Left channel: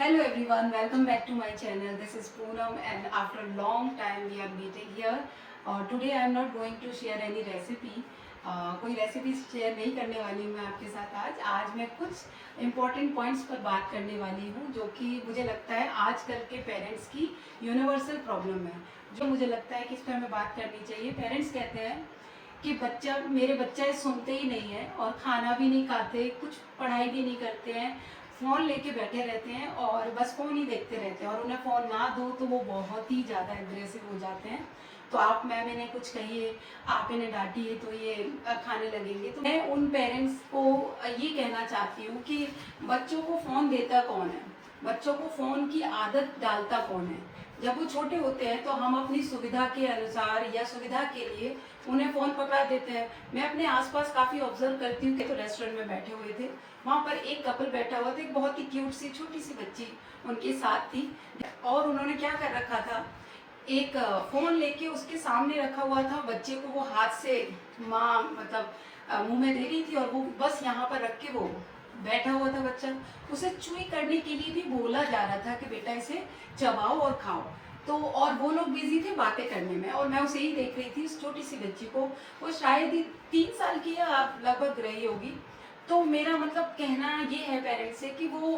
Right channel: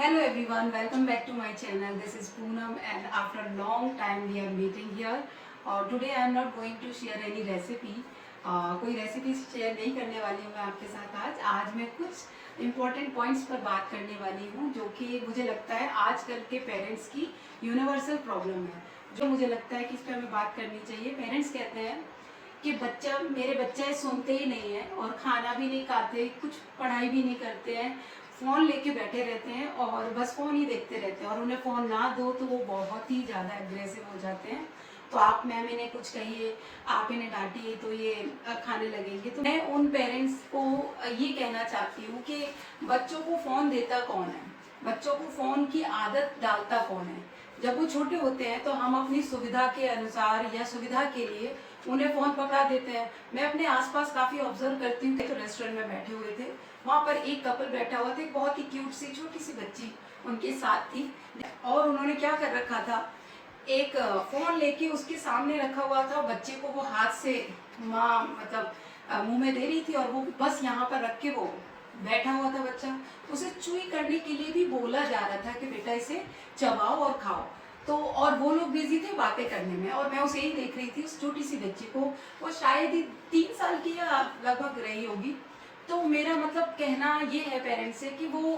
Hello everyone, welcome back to my channel. This is Poonam and after a long time we are meeting here. Today I am not going to share any recipe. कोई recipe share नहीं करने वाली हूँ मैं आपके साथ आज मैं कुछ इम्पोर्टेंट पॉइंट्स पर बात करने वाली हूँ जो कि मुझे लगता है आजकल के पेरेंट्स की यूनिवर्सल प्रॉब्लम है, जो मुझे लगता है कि इस पर हमें बात करनी चाहिए। पेरेंट्स कहते हैं कि मेरे बच्चे सुनते ही नहीं है और खाना भी नहीं खाते, कुछ पढ़ाई भी नहीं करते हैं, फ़ोन लेके बैठे रहते हैं और बस फ़ोन ही देखते रहते हैं और उन्हें फ़ोन ना दो तो वो बहुत ही ज़्यादा एग्रेसिव हो जाते हैं। तो आप मैम इन्हें कुछ कहिए, आप इन्हें डांटिए तो ये खाने लगेंगे। तो मैं उन पेरेंट्स को ये कहना चाहती हूँ कि बच्चों को फ़ोन देता कौन है, बच्चों को फ़ोन की आदत डालता कौन है। जब वो छोटे होते हैं तो हम अपनी सुविधा के अनुसार या सुविधा के लिए उन्हें फ़ोन पकड़ा देते हैं। मैं अपने आसपास काफ़ी ऑब्जर्व करती हूँ कि तो रेस्टोरेंट में बैठे हुए थे, वहाँ पर एक कपल बैठा हुआ था, एक बहुत ही क्यूट सी छोटी सी बच्ची उनके साथ थी और उन्होंने क्या कर रखा था, एक फ़ोन लेके उसके सामने रखा हुआ था, बच्चे को वो हाथ से माँ मतलब मुंह में दे रही थी और वो बस यहाँ पर रख के वो बैठा हुआ था बच्चा। उसे चुई करने के लिए भी बोला जा रहा था कि बेटा इसे चबाओ और खाओ। तो और वो लोग बिजी थे बातें करने में और मैं उसे ही देख रही थी, उस छोटी सी बच्ची को। वो शायद ही 3 साल की या लगभग रही होगी। तो मेरा मतलब कहना ये है पेरेंट्स से कि वो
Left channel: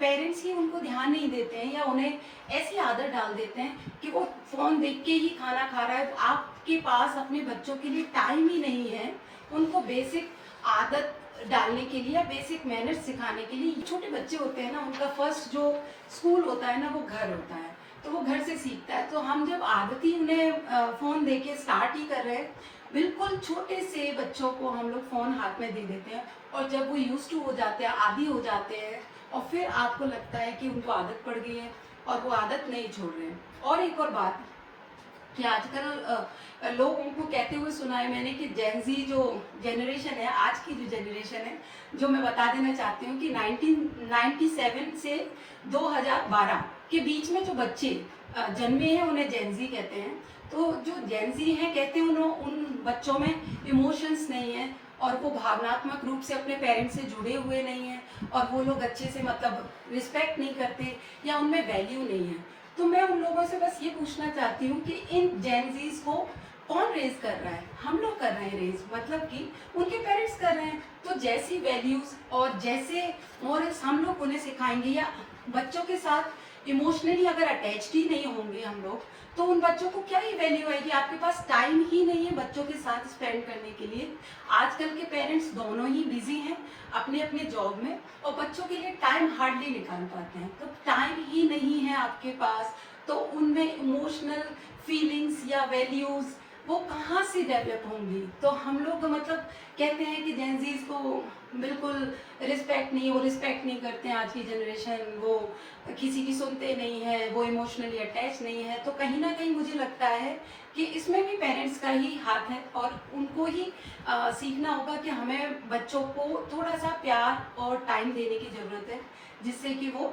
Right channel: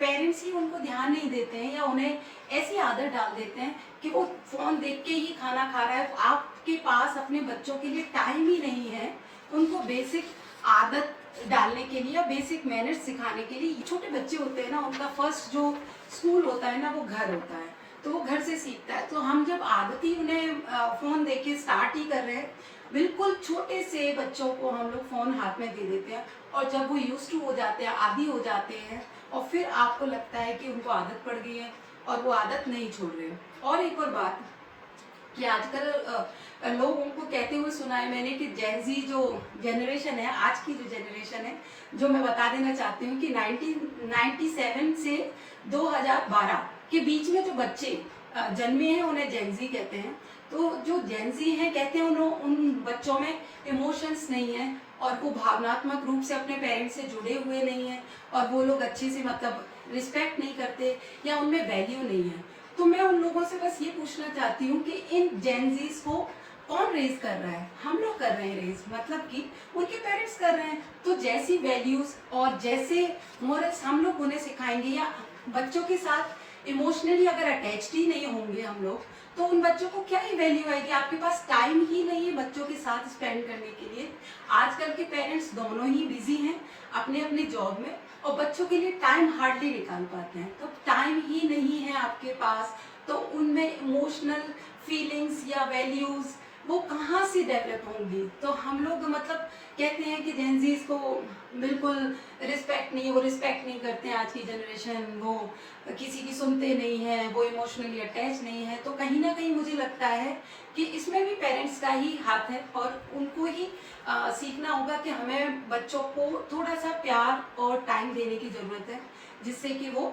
पेरेंट्स ही उनको ध्यान नहीं देते हैं या उन्हें ऐसी आदत डाल देते हैं कि वो फ़ोन देख के ही खाना खा रहा है। आपके पास अपने बच्चों के लिए टाइम ही नहीं है उनको बेसिक आदत डालने के लिए या बेसिक मैनर्स सिखाने के लिए। छोटे बच्चे होते हैं ना, उनका फर्स्ट जो स्कूल होता है ना वो घर होता है, तो वो घर से सीखता है। तो हम जब आदत ही उन्हें फ़ोन दे के स्टार्ट ही कर रहे हैं, बिल्कुल छोटे से बच्चों को हम लोग फ़ोन हाथ में दे देते हैं और जब वो यूज टू हो जाते हैं, आदी हो जाते हैं और फिर आपको लगता है कि उनको आदत पड़ गई है और वो आदत नहीं छोड़ रहे हैं। और एक और बात कि आजकल लोगों को कहते हुए सुना है मैंने कि जेनजी जो जनरेशन है, आज की जो जनरेशन है, जो मैं बता देना चाहती हूँ कि 1997 से 2012 के बीच में जो बच्चे जन्मे हैं उन्हें जेनजी कहते हैं। तो जो जेनजी हैं कहते हैं उन बच्चों में इमोशंस नहीं है और वो भावनात्मक रूप से अपने पेरेंट्स से जुड़े हुए नहीं हैं और वो लोग अच्छे से मतलब रिस्पेक्ट नहीं करते या उनमें वैल्यू नहीं है। तो मैं उन लोगों से बस ये पूछना चाहती हूँ कि इन जेनजीज को कौन रेज कर रहा है? हम लोग कर रहे हैं रेज, मतलब कि उनके पेरेंट्स कर रहे हैं। तो जैसी वैल्यूज और जैसे मोरल्स हम लोग उन्हें सिखाएंगे या बच्चों के साथ इमोशनली अगर अटैच्ड ही नहीं होंगे हम लोग, तो उन बच्चों को क्या ही वैल्यू आएगी। आपके पास टाइम ही नहीं है बच्चों के साथ स्पेंड करने के लिए। आजकल के पेरेंट्स दोनों ही बिजी हैं अपने अपने जॉब में और बच्चों के लिए टाइम हार्डली निकाल पाते हैं। तो टाइम ही नहीं है आपके पास, तो उनमें इमोशनल फीलिंग्स या वैल्यूज वो कहाँ से डेवलप होंगी। तो हम लोग मतलब कहते हैं कि जेनजीज को बिल्कुल रिस्पेक्ट नहीं, वो रिस्पेक्ट नहीं करते हैं। आज की जनरेशन वो किसी की सुनते नहीं हैं, वो इमोशनली अटैच नहीं है। तो कहीं ना कहीं मुझे लगता है कि इसमें भी पेरेंट्स का ही हाथ है और उनको ही सीखना होगा कि हमें बच्चों को थोड़ा सा प्यार और टाइम देने की ज़रूरत है, जिससे कि वो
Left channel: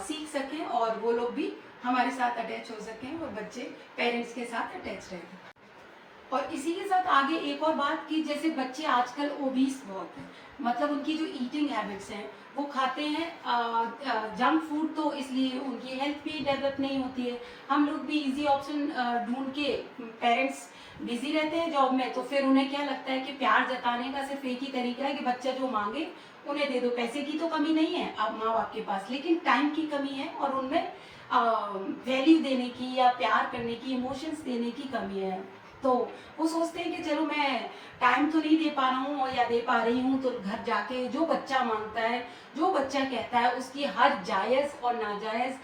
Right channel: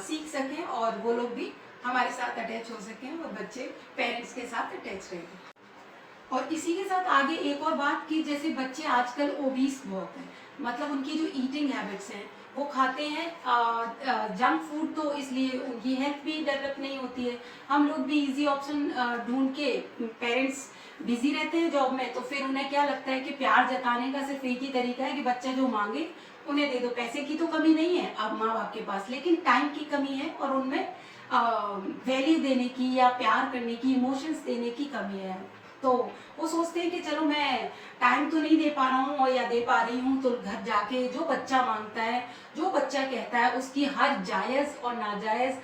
सीख सकें और वो लोग भी हमारे साथ अटैच हो सकें और बच्चे पेरेंट्स के साथ अटैच रहें। और इसी के साथ आगे एक और बात कि जैसे बच्चे आजकल ओबीस बहुत हैं, मतलब उनकी जो ईटिंग हैबिट्स हैं वो खाते हैं जंक फूड, तो इसलिए उनकी हेल्थ भी डेवलप नहीं होती है। हम लोग भी इजी ऑप्शन ढूंढ के, पेरेंट्स बिजी रहते हैं जॉब में, तो फिर उन्हें क्या लगता है कि प्यार जताने का सिर्फ एक ही तरीका है कि बच्चा जो मांगे उन्हें दे दो। पैसे की तो कमी नहीं है अब माँ बाप के पास, लेकिन टाइम की कमी है और उनमें वैल्यू देने की या प्यार करने की, इमोशंस देने की कमी है। तो वो सोचते हैं कि चलो मैं टाइम तो नहीं दे पा रहा हूँ या दे पा रही हूँ, तो घर जाके जो बच्चा मांगता है, जो बच्चा कहता है, उसकी हर जायज़ और नाजायज़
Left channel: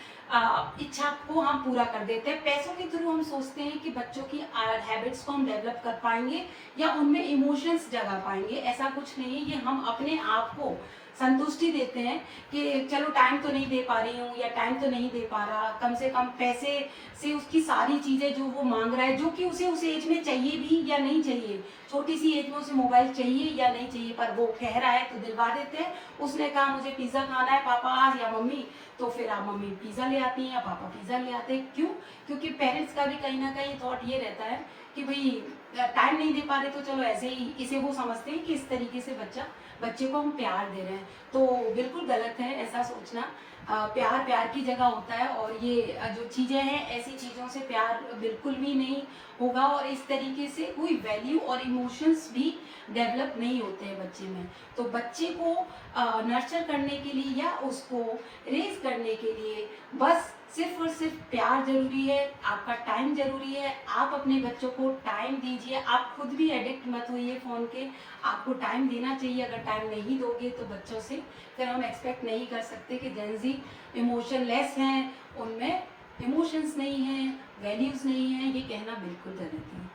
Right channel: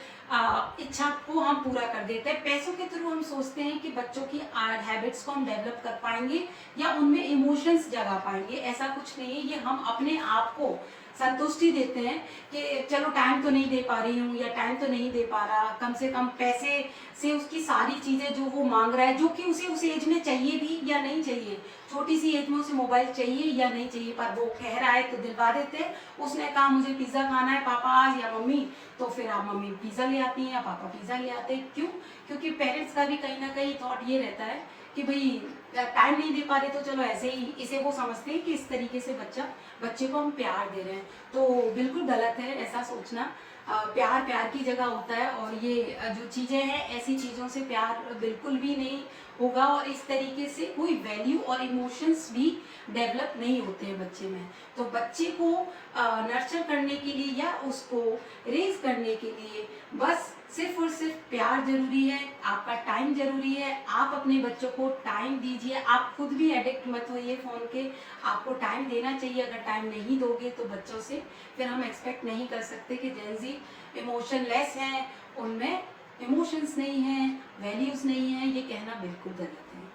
इच्छा को हम पूरा कर देते हैं। पैसों के थ्रू हम सोचते हैं कि बच्चों की हैबिट्स को हम डेवलप कर पाएंगे या उनमें इमोशंस जगा पाएंगे। ऐसा कुछ नहीं है, ये हम अपने आप को संतुष्टि देते हैं कि चलो टाइम तो नहीं दे पा रही हूँ या टाइम तो नहीं दे पा रहा, कम से कम पैसे से उसकी सारी चीज़ें जो वो मांग रहा है, जो कि उसे उस एज में चाहिए भी या नहीं चाहिए, छोटी सी एज में उसे मोबाइल चाहिए या नहीं चाहिए, पर वो कह रहा है तो दिलवा देते हैं। उसने कहा मुझे पिज़्ज़ा खाना है पापा आज या मम्मी, तो फिर आप मम्मी पिज़्ज़ा ले आती हैं या पापा पिज़्ज़ा ले आते हैं। क्यों? क्योंकि पेरेंट्स का भी कहीं ना कहीं थॉट ये रहता है कि भाई टाइम नहीं दे पा रहे तो चलो ऐसे ही, इसे वो समझते हैं कि इस तरीके से बच्चे को हम प्यार दे रहे हैं। तो बिल्कुल गलत है ऐसा सोचना। प्यार प्यार की जगह होता है, और ये जो चीज़ें हैं ऐसी चीज़ों से प्यार बिल्कुल भी नहीं होगा, और इस तरीके से कोई वैल्यू और इमोशंस भी डेवलप नहीं होते हैं बच्चे में। तो बच्चे को नर्चर करने के लिए या उसको रेज करने के लिए बस सिर्फ और सिर्फ प्यार जरूरी है, आपका टाइम जरूरी है। आप अपने बच्चों को टाइम दीजिए, आप खुद भी एडिक्ट मत होइए फ़ोन के, आपको टाइम देना चाहिए। अगर टाइम नहीं दोगे तो बच्चों से फिर हम एक्सपेक्ट नहीं कर सकते कि जेंजी इमोशनलेस हैं, उनमें इमोशंस नहीं हैं, वैल्यूज़ नहीं हैं, ये कहना बिल्कुल गलत है।